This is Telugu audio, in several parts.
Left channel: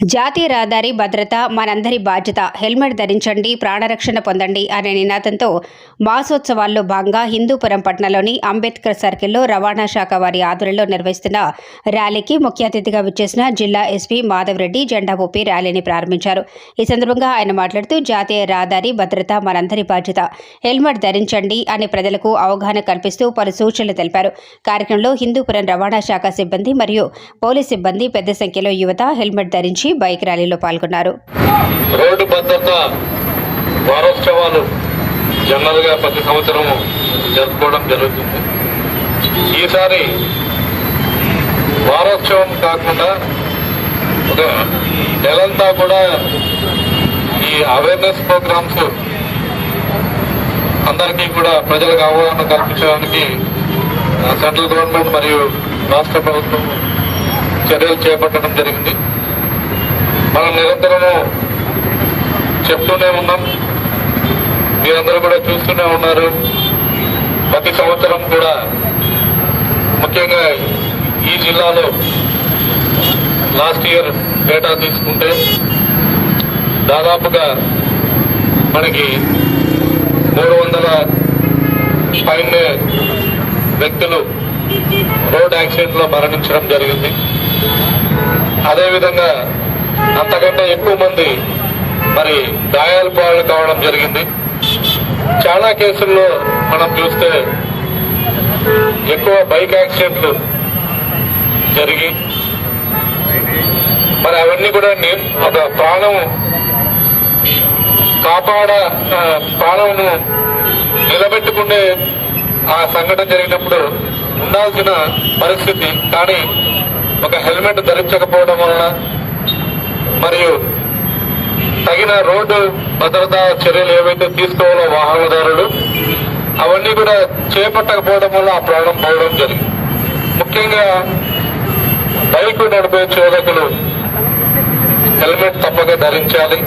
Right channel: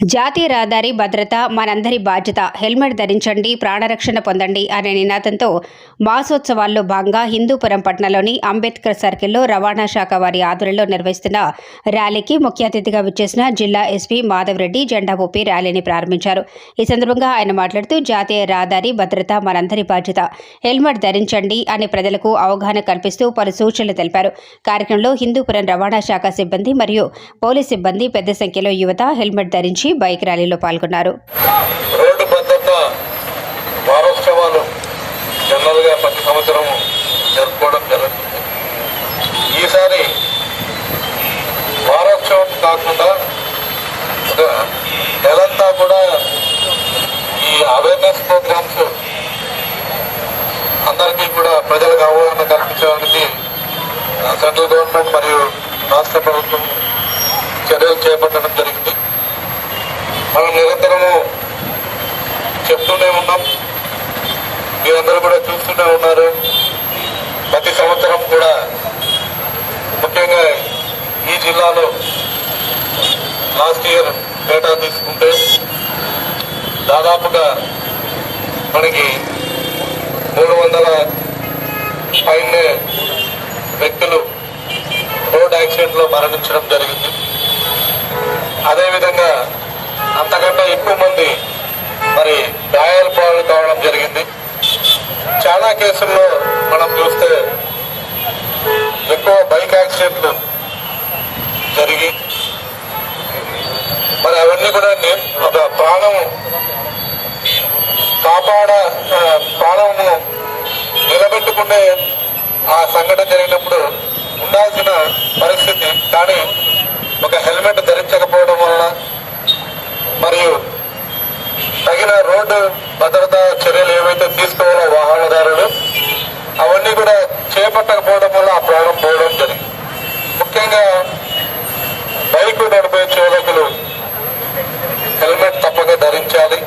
జాతీయ రహదారి భద్రత మనందరి బాధ్యత. హెల్మెట్ ధరించండి ప్రాణరక్షణ పొందండి అనే నినాదంతో మాసోత్సవాల్లో భాగంగా హిందూపురం పట్టణంలోని అంబేద్కర్ సర్కిల్లో రవాణా శాఖ వారి ఆధ్వర్యంలో నిర్వహిస్తున్న ర్యాలీకి ముఖ్య అతిథిగా విచ్చేసిన జిల్లా ఎస్పీ మాధవరెడ్డి జెండా ఊపి ర్యాలీని ప్రారంభించారు. ఈ సందర్భంగా ఆయన మాట్లాడుతూ జాతీయ రహదారి భద్రత మనందరి బాధ్యత. హెల్మెట్ ధరించండి అని ప్రజలకు అవగాహన కల్పిస్తూ పలు సూచనలు తెలిపారు. కార్యక్రమంలో హిందూపురం రవాణా శాఖ సిబ్బంది మరియు పోలీస్ సిబ్బంది పెద్ద సంఖ్యలో యువత హెల్మెట్ ధరించి బైక్ ర్యాలీలో పాల్గొన్నారు. రోడ్డు భద్రత వారోత్సవాలు జనరల్గా ప్రతి సంవత్సరం జరుపుకోవడం జరుగుతుంది. ఈసారి వారోత్సవం కాకుండా ఒక నెలంతా కూడా ఈ అవేర్నెస్ ప్రోగ్రామ్స్ అందరికీ కూడా ప్రజలకు అవగాహన కల్పించడానికి సెంట్రల్ గవర్నమెంట్ మరియు రాష్ట్ర ప్రభుత్వం చర్యలు చేపట్టడం జరిగింది. మనం నిరంతరము చెప్తూనే ఉన్నాం. మీరందరూ కూడా చూస్తూనే ఉన్నారు. ప్రతి సంవత్సరం కూడా ముఖ్యంగా ఈ జిల్లాలో లాస్ట్ ఇయర్ డేటా తీసుకుంటే దాదాపుగా మనకి మూడు వందల పైన వ్యక్తులు రోడ్ యాక్సిడెంట్లో మరణించడం జరిగింది. అదేవిధంగా అంతకంటే ఎక్కువ మంది మరి గాయాల పాలు కావడం జరిగింది. చాలా కేసుల్లో మనం చూస్తే ఎక్కువ బైక్ యాక్సిడెంట్లు జరిగి మరి అవన్నీ కూడా నేను ఒక ప్రాణం కాపాడ ప్రాణము నిలబెట్టుకునే ఆ సంఘటన జరిగినప్పుడు ఉండాల్సిన పరిస్థితి. కానీ ఒక హెల్మెట్ ధరించకపోవడం వలన మరియు తగిన రోడ్డు భద్రతా చర్యలు ఏవైతే తీసుకోవాలో వాహనదారులు అవన్నీ కూడా చేపట్టకపోవడం వల్ల ఆ ప్రాణం పోవడం జరిగింది. ముఖ్యంగా బైక్ నడిపే చోదకులు హెల్మెట్ తప్పక ధరించాలి.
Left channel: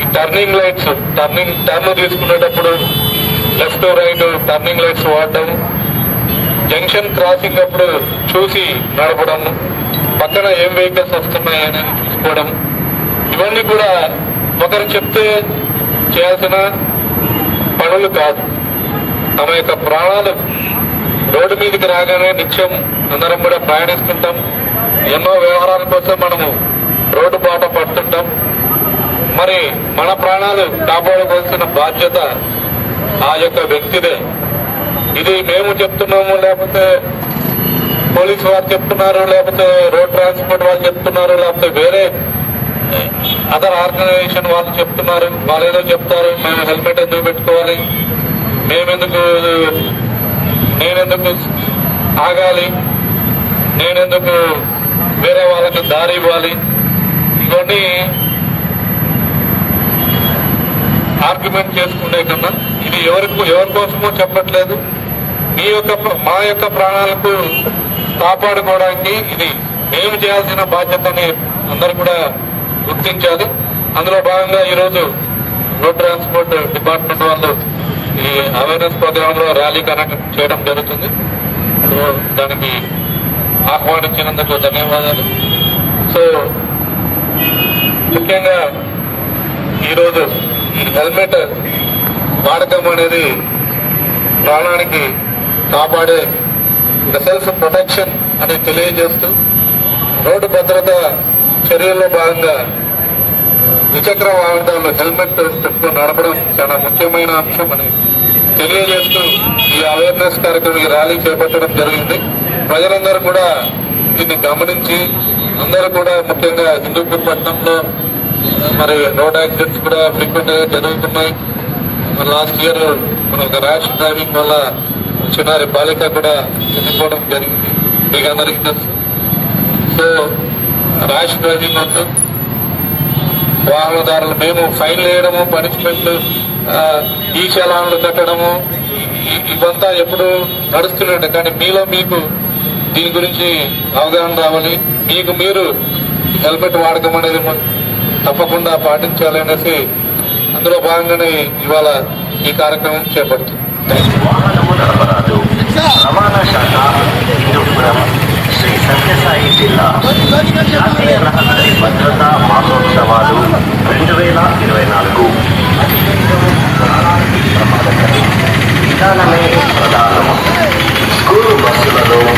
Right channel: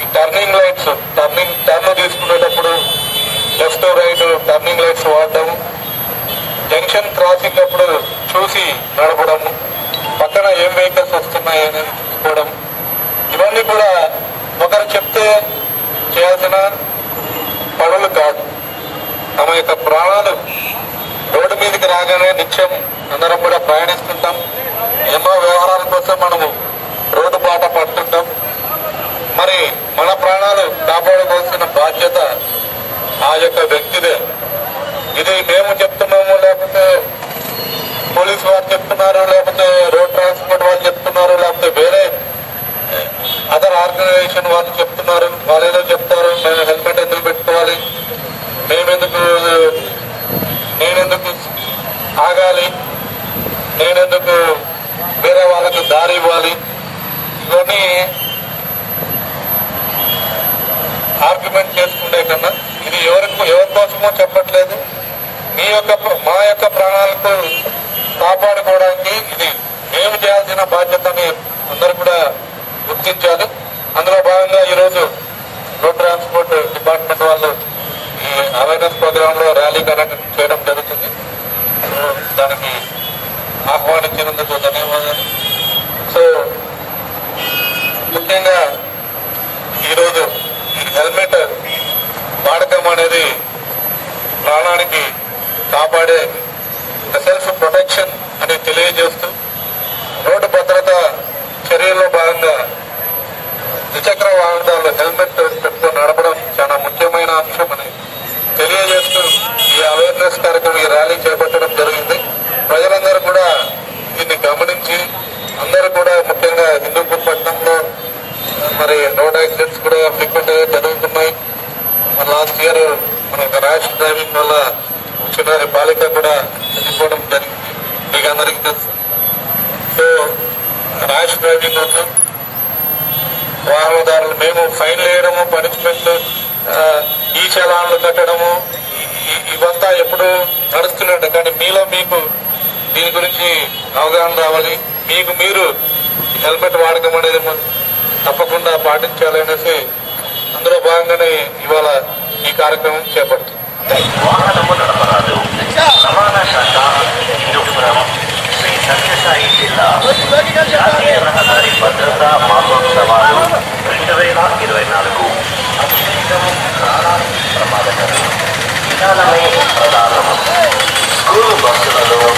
ఈ టర్నింగ్ లైట్స్ టర్నింగ్ టర్న్ తీసుకునేటప్పుడు లెఫ్ట్ రైట్ టర్నింగ్ లైట్స్ వాడడం జంక్షన్ క్రాసింగ్ అప్పుడు చూసి నడపడం పక్కన ఏం వెహికల్స్ వస్తున్నాయని చెప్పుకోవడం. ఇవన్నీ కూడా ఒకరు చెప్తే చేయాల్సిన పనులు కాదు. తమ యొక్క ప్రాణాలు రోడ్డు మీదకి రాగానే నిత్యం అందరం కూడా ప్రయాణిస్తుంటాం. ఎన్నో వ్యవహారాల కోసం మనము రోడ్డు బాట పడుతుంటాం. మరి మన ప్రాణాలు కాపాడుకోవాల్సిన బాధ్యత ఆ యొక్క వ్యక్తిదే. ఇది మేము చెప్తున్నాము లేకపోతే పోలీసు వారు చెప్తున్నారు లేకపోతే రోడ్ ట్రాన్స్పోర్ట్ వాళ్ళు చెప్తున్నారు లేకపోతే వేరే అదర్ ఆర్గనైజేషన్ వాళ్ళు చెప్తున్నారు వాళ్ళు ఏదో చెప్తారు మేము హెల్మెట్ ఎందుకు పెట్టుకోవాలి? మేమెందుకు నేనెందుకు ఆగాలి? నేనెందుకు వేరే వాళ్ళకి దారి ఇవ్వాలి? ఇవన్నీ ఆర్గ్యుమెంట్ చేసుకునే కన్నా ఇది ఎవరికి ఎవరి కోసమో చెప్పట్లేదు. మీ యొక్క మా యొక్క ప్రాణాలకు కాపాడుకోవడానికి ఇది మేము చేయాల్సిన బాధ్యతని అందరూ కూడా గుర్తించారు. అందులో భాగంగా ఈరోజు రోడ్ ట్రాన్స్పోర్ట్ డిపార్ట్మెంట్ వాళ్ళు ఈ అవేర్నెస్ ప్రోగ్రామ్లో ర్యాలీ కనెక్ట్ చేయడం జరుగుతుంది. సో దానికి ఆహ్వానించినందుకు ధన్యవాదాలు. సో ముఖ్యంగా ఈరోజు ఈ హెల్మెట్ వాడకం అనేది ప్రాణానికి కాపాడే సెల్ఫ్ ప్రొటెక్షన్ అని తెలియజేస్తూ రోడ్డు భద్రత చర్యల్లో భాగంగా ద్విచక్ర వాహనాల్లో హెల్మెట్ పెట్టుకుని నడపడం చాలా ముఖ్యమైన అంశం అని తెలియజేస్తూ ఈ అవేర్నెస్ కార్యక్రమం ఈ ర్యాలీ చేపట్టడం జరిగింది. ప్రజలందరూ కూడా దీన్ని గమనించి అందరూ కూడా ముఖ్యంగా హిందూపూర్ పట్టణంలో మరి రోడ్ యాక్సిడెంట్స్ కూడా ఫ్రీక్వెంట్గా జరుగుతున్నాయి లాస్ట్ ఇయర్ మన ర్యాష్ డ్రైవింగ్ వల్ల చిన్నారి బాలిక కూడా చనిపోవడం జరిగింది మీకు అందరికీ తెలుసు సో ర్యాష్ డ్రైవింగ్ వల్ల వాహనదారులు మేము ఫైన్ వేయడము పనిష్మెంట్లు ఈ చలాన్లు కట్టడము ఇవంతా ఎప్పుడు నడుస్తూనే కానీ మీలో మీకు దీని గురించి అవగాహన రావాలి. మీకు మీరు హెల్మెట్ వాడకం అనేది తప్పకుండా పాటించాలి అనేసి అందులో భాగంగానే ఇవాళ ఈ కార్యక్రమం చేపడుతుంది వాహనము నడపరాదు రవాణా శాఖ హిందూపురం శ్రీ సత్యసాయి జిల్లా. జాతీయ రహదారి భద్రతా మహోత్సవాలు రెండు వేల ఇరవై నాలుగు. ప్రమాదకరం. విధానమే ప్రధానం. స్కూలు బస్సులలో